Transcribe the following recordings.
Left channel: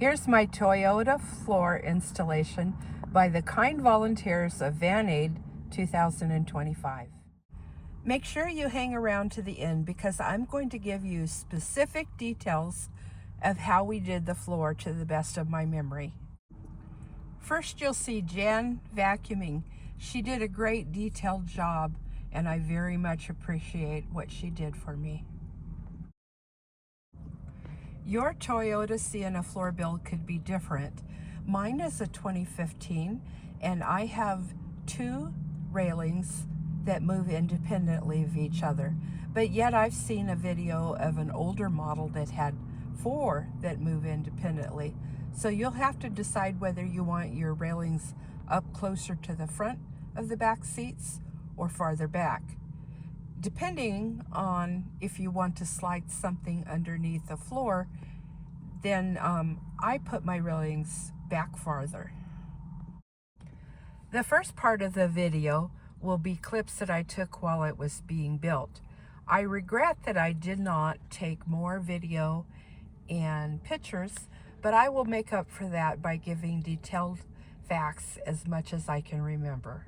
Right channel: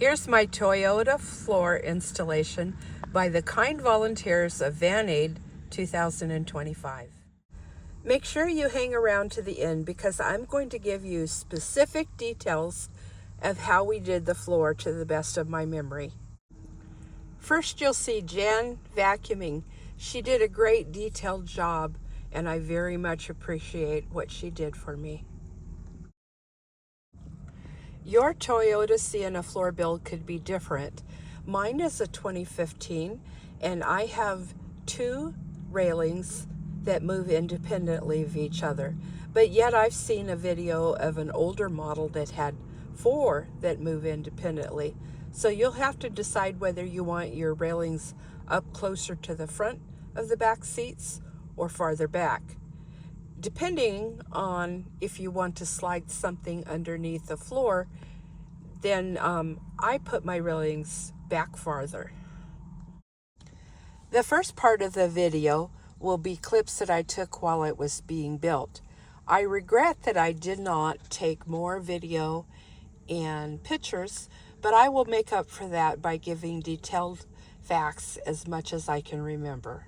Here's my Toyota floor installation by the kind volunteers of Van Aid 2025. Make sure you hang around to the end because I'm going to give you specific details of how we did the floor to the best of my memory. First, you'll see Jan vacuuming. She did a great detailed job, and I very much appreciate what she did for me. Your Toyota Sienna floor build could be different. Mine is a 2015, and I have 2 railings that move independently of each other. But yet I've seen a video of an older model that had 4 that move independently. So you'll have to decide whether you want your railings up closer to the front of the back seats or farther back, depending on if you want to slide something underneath the floor. Then I put my railings back farther. The first part of the video will be clips that I took while it was being built. I regret that I did not take more video and pictures, but I will make up for that by giving detailed facts as much as I can remember.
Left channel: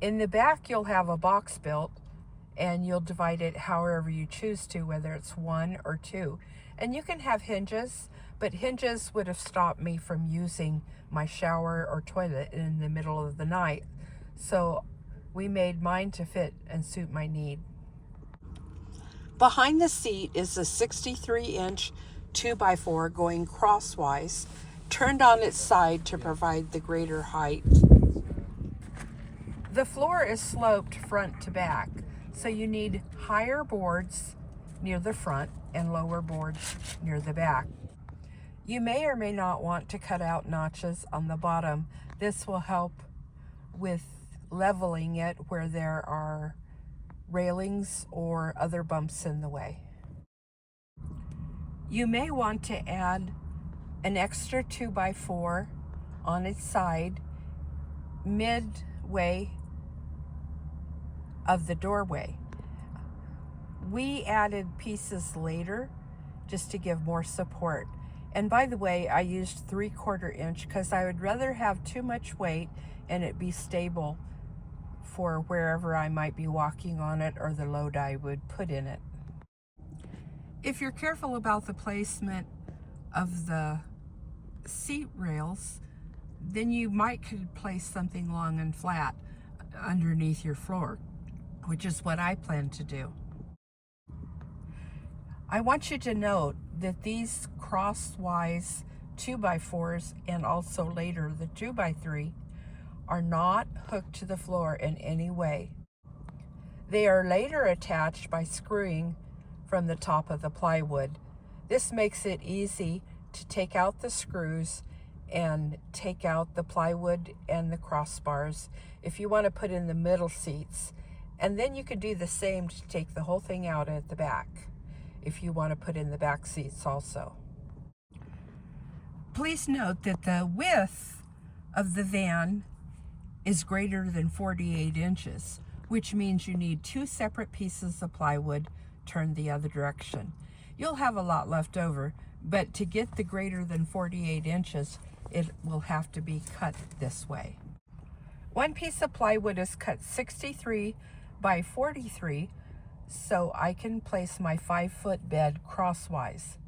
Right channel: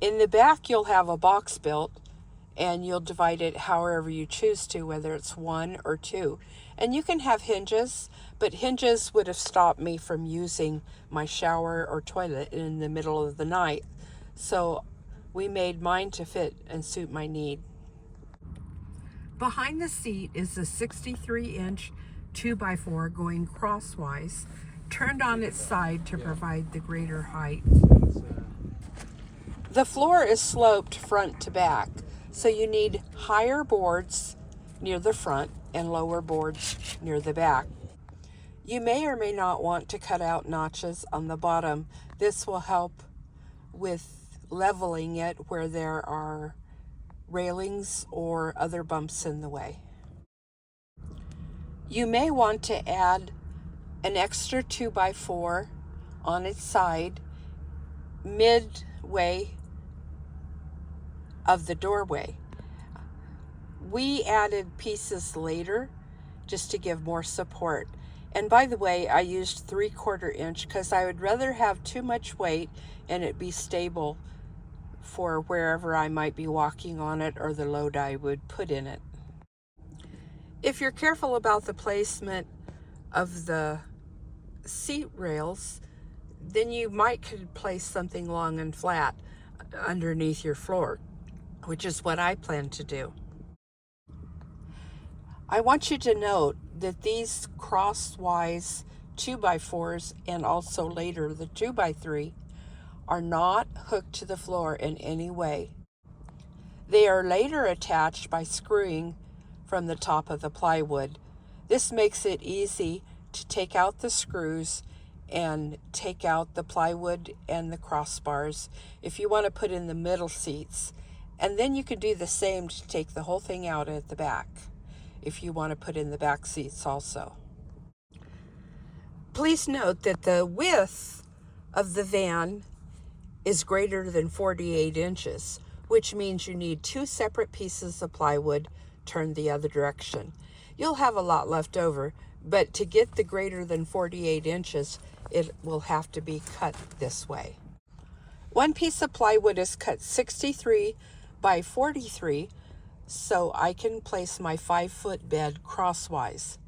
In the back, you'll have a box built, and you'll divide it however you choose to, whether it's 1 or 2. And you can have hinges, but hinges would have stopped me from using my shower or toilet in the middle of the night. So we made mine to fit and suit my need. Behind the seat is a 63-inch 2x4 going crosswise, turned on its side to provide the greater height. The floor is sloped front to back, so you need higher boards near the front and lower boards near the back. You may or may not want to cut out notches on the bottom. This will help with leveling it where there are railings or other bumps in the way. You may want to add an extra 2x4 on its side midway of the doorway. We added pieces later just to give more support. And by the way, I used 3/4 inch because I would rather have too much weight and it be stable for wherever I might be walking on it or the load I would put in it. If you're careful about the placement of the seat rails, then you could place something long and flat underneath your floor, which is what I plan to do. I want you to note that these crosswise 2x4s and also later the 2x3 are not hooked to the floor in any way. They are later attached by screwing from the top of the plywood. This makes it easy to take out the screws and take out the plywood and the crossbars if you want to put in the middle seats. And then you could do the same to take the whole thing out at the back if you want to put in the back seats also. Please note that the width of the van is greater than 48 inches, which means you need 2 separate pieces of plywood turned the other direction. You'll have a lot left over, but to get the greater than 48 inches, it will have to be cut this way. One piece of plywood is cut 63 by 43, so I can place my 5-foot bed crosswise.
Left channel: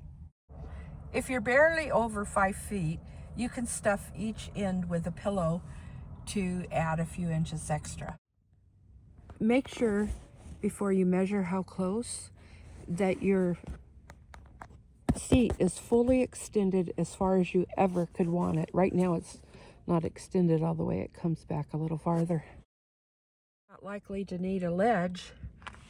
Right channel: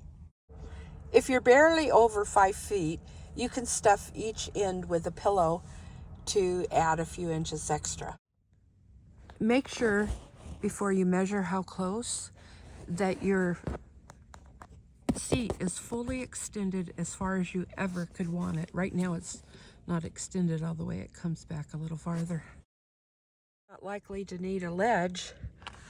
If you're barely over 5 feet, you can stuff each end with a pillow to add a few inches extra. Make sure before you measure how close that your seat is fully extended as far as you ever could want it. Right now it's not extended all the way, it comes back a little farther. Not likely to need a ledge,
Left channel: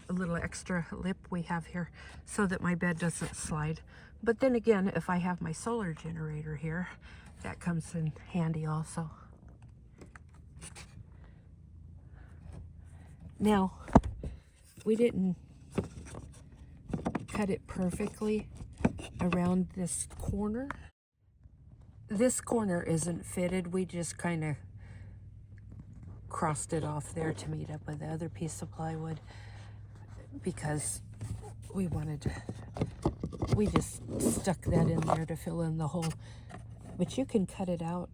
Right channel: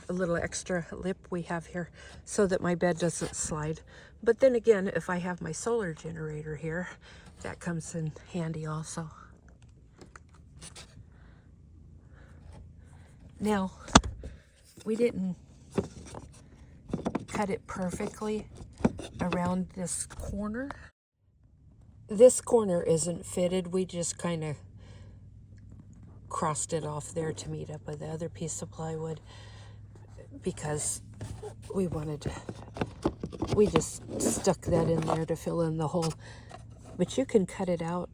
a little extra lip we have here so that my bed doesn't slide. But then again, if I have my solar generator here, that comes in handy also. Now, we didn't cut it perfectly around this corner. This corner isn't fitted. We just kind of crossed it off there to meet up with the other piece of plywood because we just stuck that in there to fill in the hole. But you can cut it out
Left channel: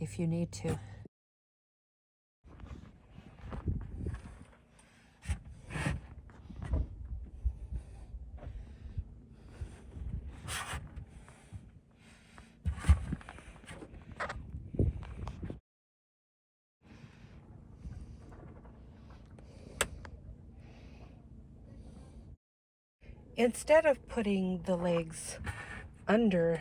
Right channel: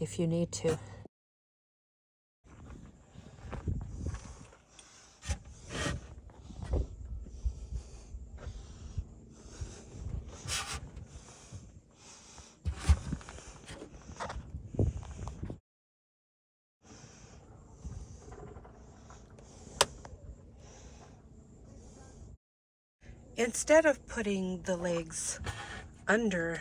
if you need to. Instead of putting the legs under,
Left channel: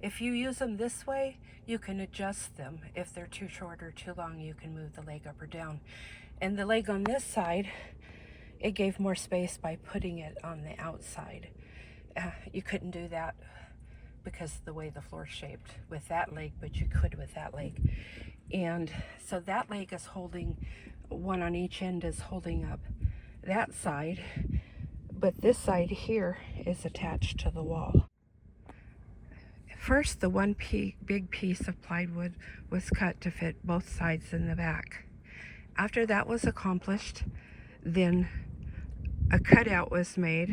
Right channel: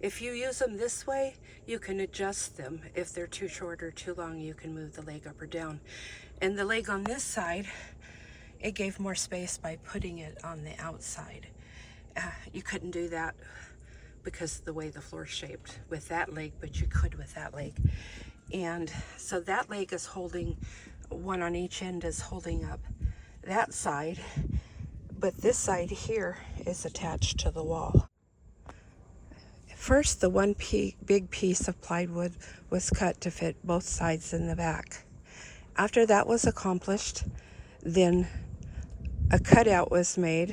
if you use them this way, you can adjust them. If they're too short or too long, you can move the leg up or down. And the leg on this side, it gave more space by putting it on the outside. You couldn't do that because of the way the floor's shaped with that leg, but you could with that leg. And so that leg is holding, one on each end is holding up that side, but this side here is attached to the wall. First, the one big piece of plywood was cut to fit both sides in the back. After that was accomplished, then a cutout was made.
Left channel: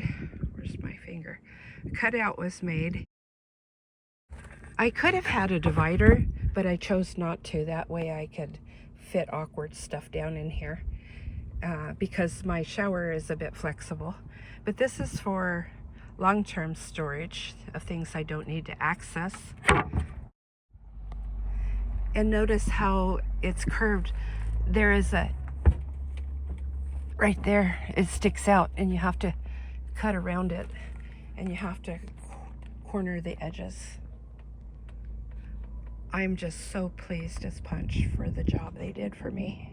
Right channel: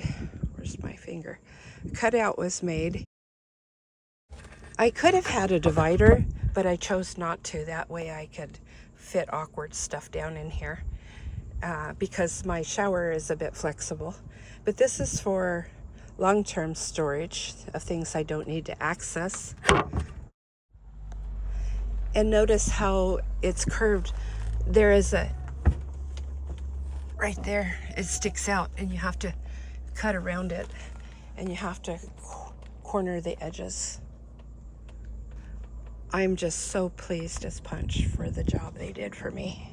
Where's my finger? A cutout was made. I could have had a divider, but I chose not to. That way I could fit awkward stuff down in here. Because my shower is a bit flexible. But this is for long-term storage of things I don't need to access. And notice how it's curved. There is a, right there, it sticks out and you have to cut around it and you have to corner the edges. I'm just so pleased as punch for the job they did for me.